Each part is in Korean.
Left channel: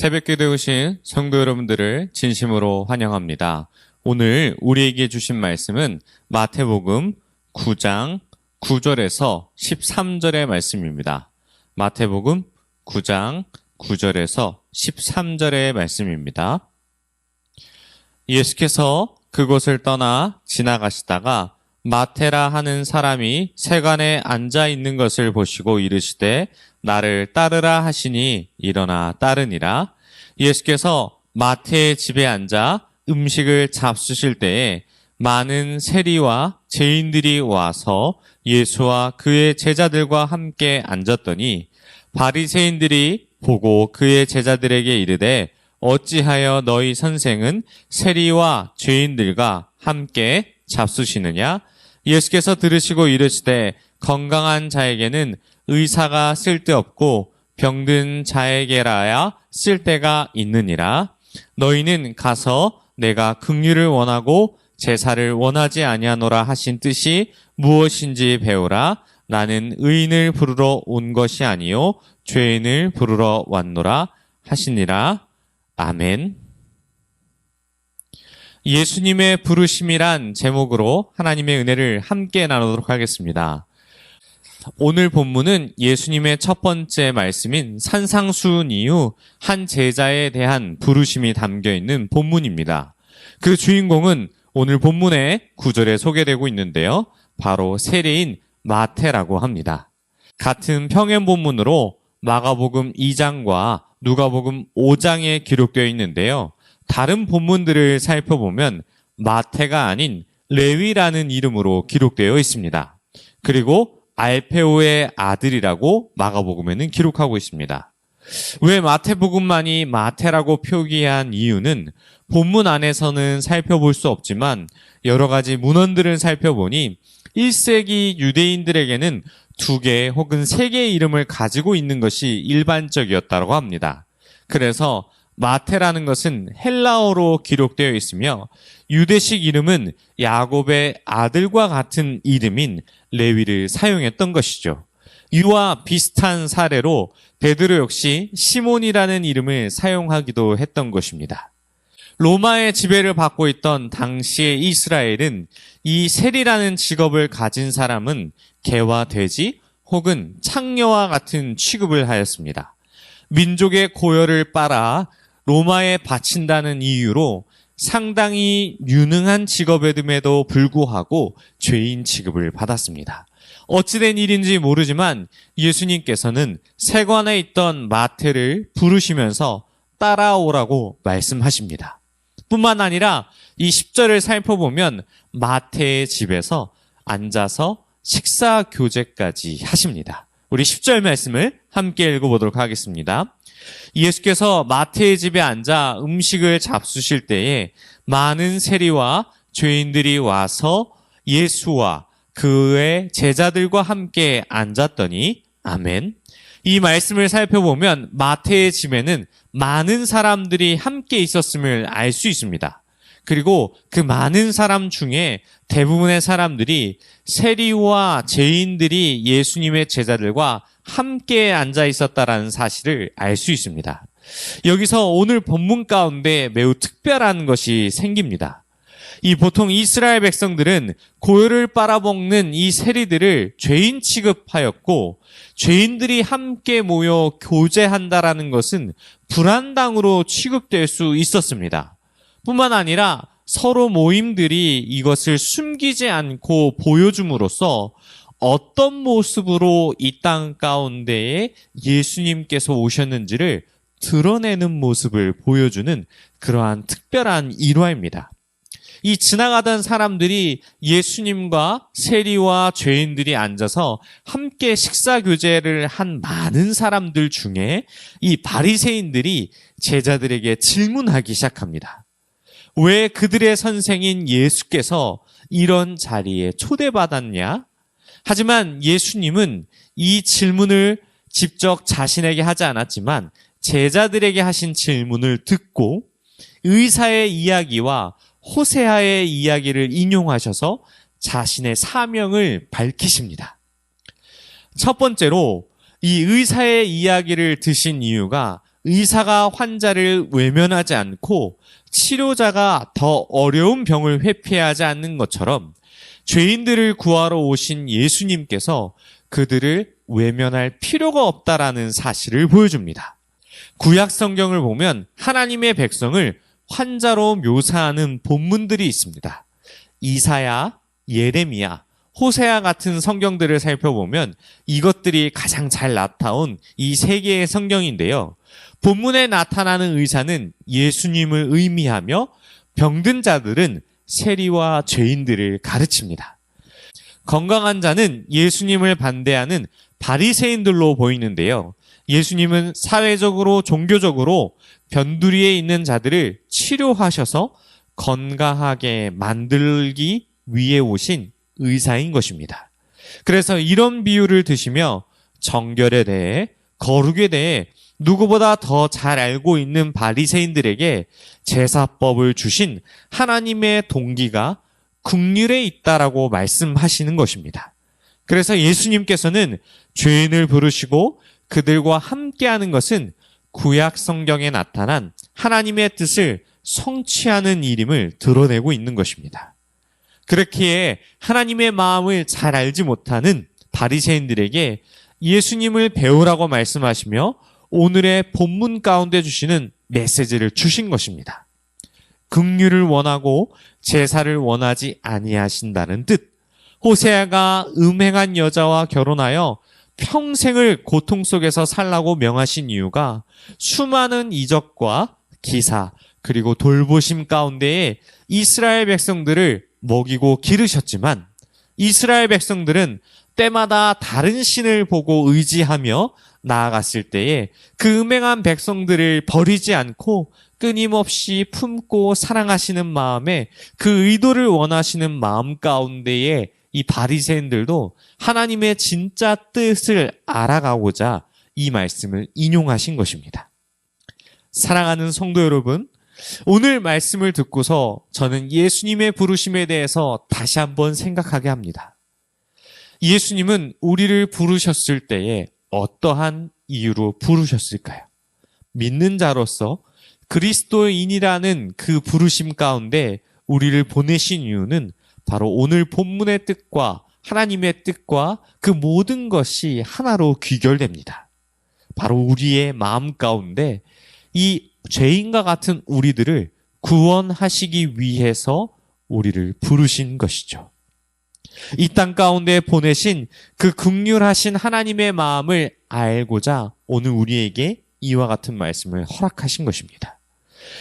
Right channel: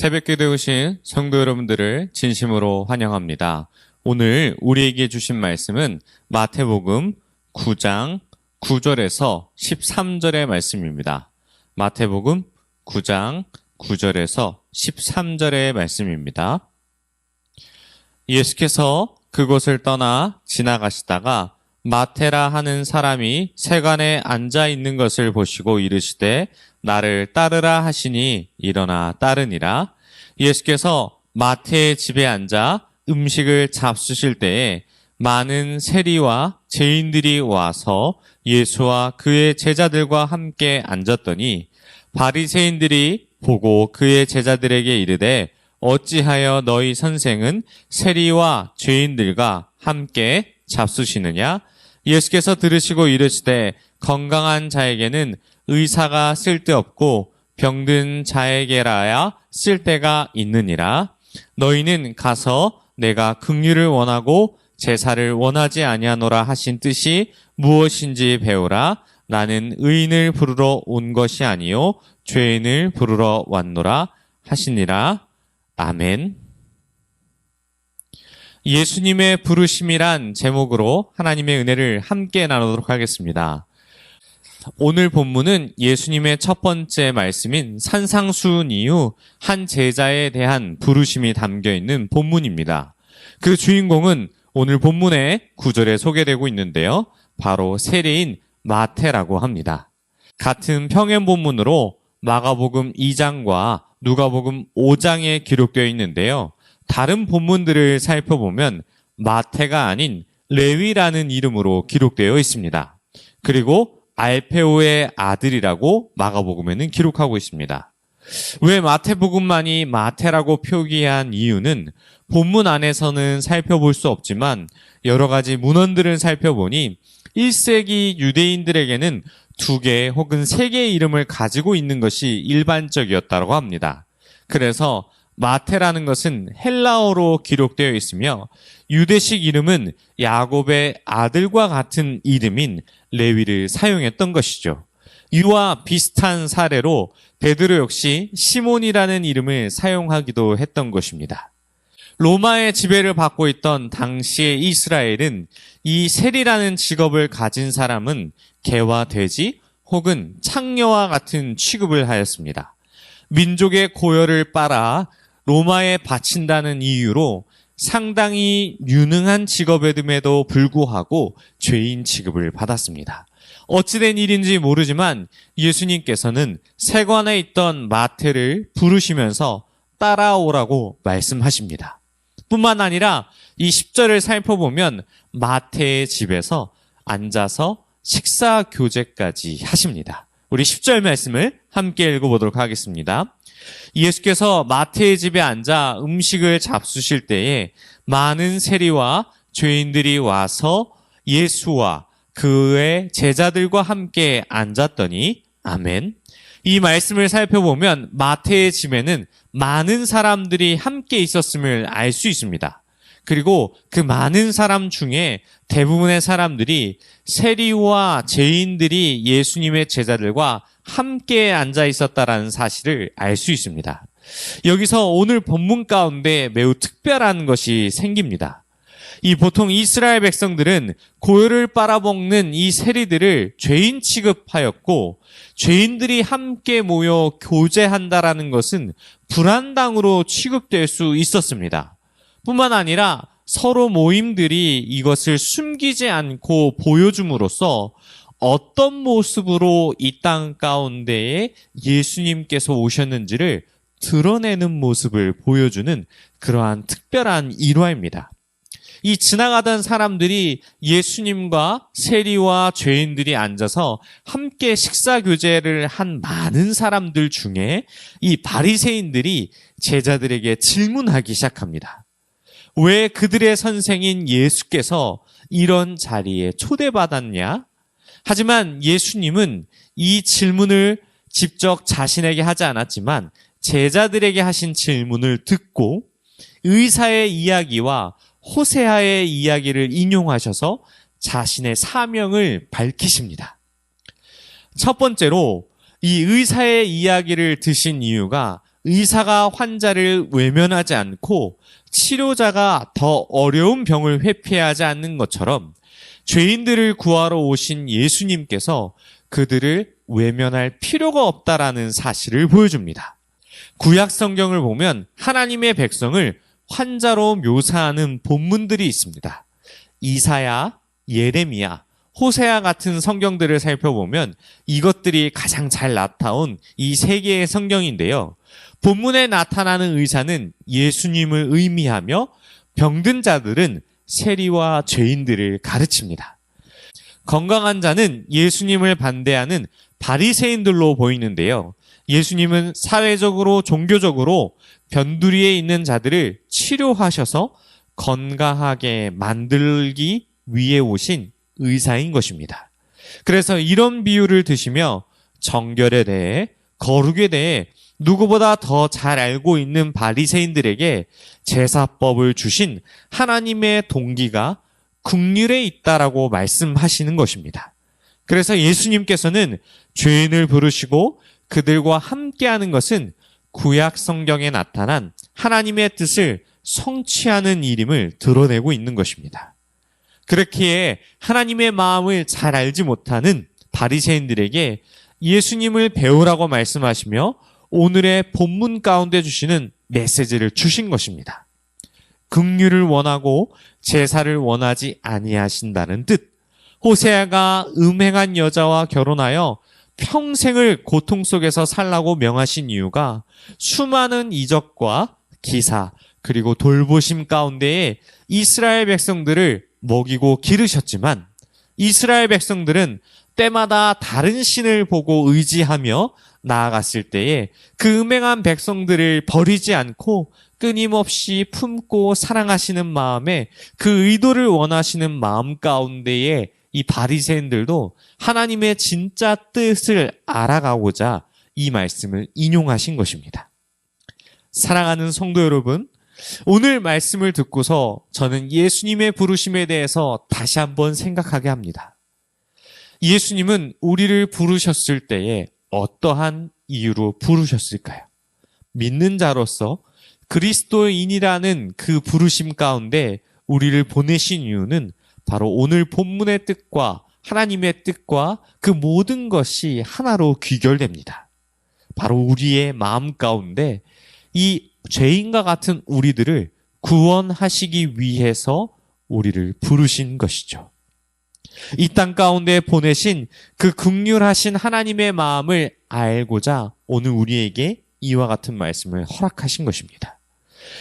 새벽기도에 오신 성도 여러분들을 진심으로 환영합니다. 오늘 우리에게 주신 말씀은 마태복음 9장 9절에서 13절의 말씀입니다. 마태복음 9장 9절에서 13절의 말씀입니다. 예수께서 그곳을 떠나 지나가시다가 마테라 하는 사람이 세관에 앉아 있는 것을 보시고 이르시되 나를 따르라 하시니 일어나 따르니라. 예수께서 마태의 집에 앉아 음식을 잡수실 때에 많은 세리와 죄인들이 와서 예수와 그의 제자들과 함께 앉았더니 바리새인들이 보고 그의 제자들에게 이르되 어찌하여 너희 선생은 세리와 죄인들과 함께 잡수시느냐? 예수께서 들으시고 이르시되 건강한 자에게는 의사가 쓸데없고 병든 자에게라야 쓸데가 있느니라. 너희는 가서 내가 긍휼을 원하고 제사를 원하지 아니하노라 하신 뜻이 무엇인지 배우라. 나는 의인을 부르러 온 것이 아니요 죄인을 부르러 왔노라 하시니라. 아멘. 예수님의 부르심이란 제목으로 하나님의 은혜를 함께 나누도록 하겠습니다. 오늘 본문은 예수님의 첫 번째 말씀인 산상수훈 이후 한 제자에 대한 부르심이 담겨 있는 본문입니다. 그 주인공은 오늘 본문의 9절에 소개되고 있는데요. 바로 세리인 마태라고 합니다. 같은 평행 본문으로 마가복음 2장과 누가복음 5장에 기록되어 있는데요. 다른 본문들을 살펴보면 마태가 아닌 레위라는 이름으로 기록되어 있습니다. 그리고 알페오의 아들이라고 마가복음에는 기록하고 있습니다. 왜 마태복음만이 마태라고 표기한 이유는 본문 안에서는 살펴볼 수 없지만 여러 가지 문헌들을 살펴보니 1세기 유대인들에게는 2개 혹은 3개의 이름을 가지고 있는 것이 일반적이었다고 합니다. 그래서 마태라는 것은 헬라어로 기록되어 있으며 유대식 이름은 야곱의 아들과 같은 이름인 레위를 사용했던 것이죠. 이와 비슷한 사례로 베드로 역시 시몬이라는 이름을 사용하기도 했던 것입니다. 로마의 지배를 받고 있던 당시의 이스라엘은 이 세리라는 직업을 가진 사람은 개와 돼지 혹은 창녀와 같은 취급을 하였습니다. 민족의 고열을 빨아 로마에 바친다는 이유로 상당히 유능한 직업임에도 불구하고 죄인 취급을 받았습니다. 어찌된 일인지 모르지만 예수님께서는 세관에 있던 마태를 부르시면서 따라오라고 말씀하십니다. 뿐만 아니라 이 10절을 살펴보면 마태의 집에서 앉아서 식사 교제까지 하십니다. 우리 10절 말씀을 함께 읽어보도록 하겠습니다. 예수께서 마태의 집에 앉아 음식을 잡수실 때에 많은 세리와 죄인들이 와서 예수와 그의 제자들과 함께 앉았더니 아멘. 이 말씀을 살펴보면 마태의 집에는 많은 사람들이 함께 있었음을 알 수 있습니다. 그리고 그 많은 사람 중에 대부분의 사람들이 세리와 죄인들이 예수님의 제자들과 함께 앉아 있었다라는 사실을 알 수 있습니다. 여기서 오늘 본문 가운데 매우 특별한 것이 생깁니다. 이 보통 이스라엘 백성들은 고열을 빨아먹는 이 세리들을 죄인 취급하였고 죄인들이 함께 모여 교제한다라는 것은 불안당으로 취급될 수 있었습니다. 뿐만 아니라 서로 모임들이 이것을 숨기지 않고 보여줌으로써 어떤 모습으로 이 땅 가운데에 예수님께서 오셨는지를 드러내는 모습을 보여주는 그러한 특별한 일화입니다. 이 지나가던 사람들이 예수님과 세리와 죄인들이 앉아서 함께 식사 교제를 한 많은 사람들 중에 이 바리새인들이 제자들에게 질문하기 시작합니다. 왜 그들의 선생인 예수께서 이런 자리에 초대받았냐? 하지만 예수님은 이 질문을 직접 자신에게 하지 않았지만 제자들에게 하신 질문을 듣고 의사의 이야기와 호세아의 이야기를 인용하셔서 자신의 사명을 밝히십니다. 첫 번째로 이 의사의 이야기를 드신 이유가 의사가 환자를 외면하지 않고 치료자가 더 어려운 병을 회피하지 않는 것처럼 죄인들을 구하러 오신 예수님께서 그들을 외면할 필요가 없다라는 사실을 보여줍니다. 구약 성경을 보면 하나님의 백성을 환자로 묘사하는 본문들이 있습니다. 이사야, 예레미야, 호세아 같은 성경들을 살펴보면 이것들이 가장 잘 나타온 이 세 개의 성경인데요. 본문에 나타나는 의사는 예수님을 의미하며 병든 자들은 세리와 죄인들을 가르칩니다. 건강한 자는 예수님을 반대하는 바리새인들로 보이는데요. 예수님은 사회적으로 종교적으로 변두리에 있는 자들을 치료하셔서 건강하게 만들기 위해 오신 의사인 것입니다. 그래서 이런 비유를 드시며 정결에 대해, 거룩에 대해 누구보다 더 잘 알고 있는 바리새인들에게 제사법을 주신 하나님의 동기가 긍휼에 있다라고 말씀하시는 것입니다. 그래서 예수님께서는 죄인을 부르시고 그들과 함께하는 것은 구약 성경에 나타난 하나님의 뜻을 성취하는 일임을 드러내고 있는 것입니다. 그렇기에 하나님의 마음을 잘 알지 못하는 바리새인들에게 예수님을 배우라고 말씀하시며 오늘의 본문 가운데 주시는 메시지를 주신 것입니다. 긍휼을 원하고 제사를 원하지 아니하신다는 뜻. 호세아가 음행한 여자와 결혼하여 평생을 고통 속에서 살라고 명하신 이유가 수많은 이적과 기사 그리고 돌보심 가운데에 이스라엘 백성들을 먹이고 기르셨지만 이스라엘 백성들은 때마다 다른 신을 보고 의지하며 나아갔을 때에 그 음행한 백성들을 버리지 않고 끊임없이 품고 사랑하시는 마음에 그 의도를 원하시는 마음 가운데에 이 바리새인들도 하나님의 진짜 뜻을 알아가고자 이 말씀을 인용하신 것입니다. 사랑하는 성도 여러분, 오늘 말씀을 듣고서 저는 예수님의 부르심에 대해서 다시 한번 생각하게 합니다. 예수님은 우리를 부르셨을 때에 어떠한 이유로 부르셨을까요? 믿는 자로서 그리스도인이라는 그 부르심 가운데 우리를 보내신 이유는 바로 오늘 본문의 뜻과 하나님의 뜻과 그 모든 것이 하나로 귀결됩니다. 바로 우리의 마음 가운데 이 죄인과 같은 우리들을 구원하시기 위해서 우리를 부르신 것이죠. 이 땅 가운데 보내신 그 긍휼하신 하나님의 마음을 알고자 오늘 우리에게 이와 같은 말씀을 허락하신 것입니다.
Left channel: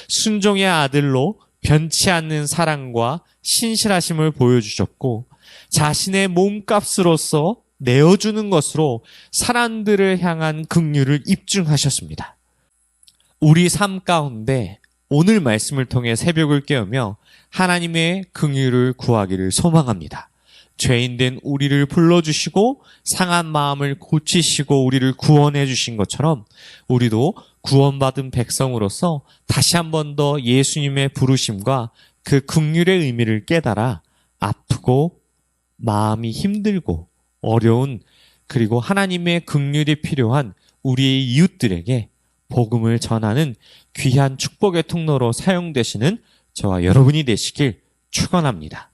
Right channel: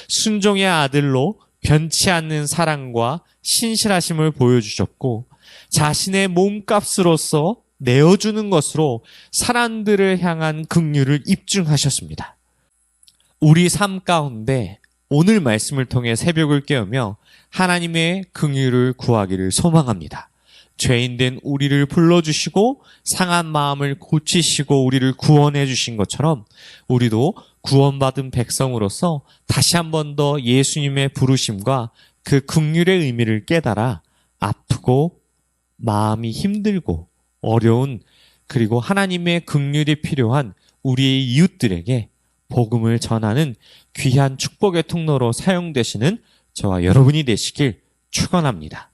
순종의 아들로 변치 않는 사랑과 신실하심을 보여주셨고 자신의 몸값으로서 내어주는 것으로 사람들을 향한 긍휼을 입증하셨습니다. 우리 삶 가운데 오늘 말씀을 통해 새벽을 깨우며 하나님의 긍휼을 구하기를 소망합니다. 죄인된 우리를 불러주시고 상한 마음을 고치시고 우리를 구원해 주신 것처럼 우리도 구원받은 백성으로서 다시 한 번 더 예수님의 부르심과 그 긍휼의 의미를 깨달아 아프고 마음이 힘들고 어려운 그리고 하나님의 긍휼이 필요한 우리의 이웃들에게 복음을 전하는 귀한 축복의 통로로 사용되시는 저와 여러분이 되시길 축원합니다.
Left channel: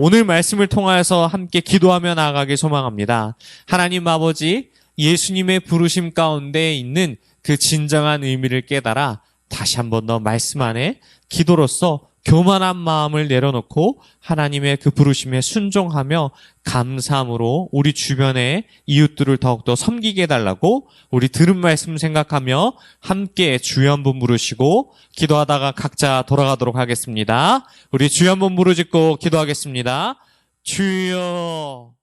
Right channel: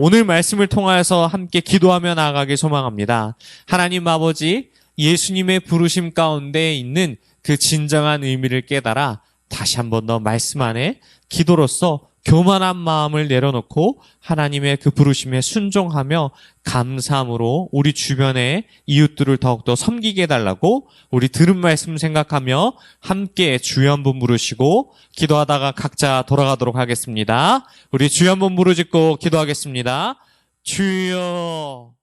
오늘 말씀을 통하여서 함께 기도하며 나아가길 소망합니다. 하나님 아버지, 예수님의 부르심 가운데 있는 그 진정한 의미를 깨달아 다시 한 번 더 말씀 안에 기도로서 교만한 마음을 내려놓고 하나님의 그 부르심에 순종하며 감사함으로 우리 주변의 이웃들을 더욱더 섬기게 해달라고 우리 들은 말씀 생각하며 함께 주여 한번 부르시고 기도하다가 각자 돌아가도록 하겠습니다. 우리 주여 한번 부르짖고 기도하겠습니다. 주여.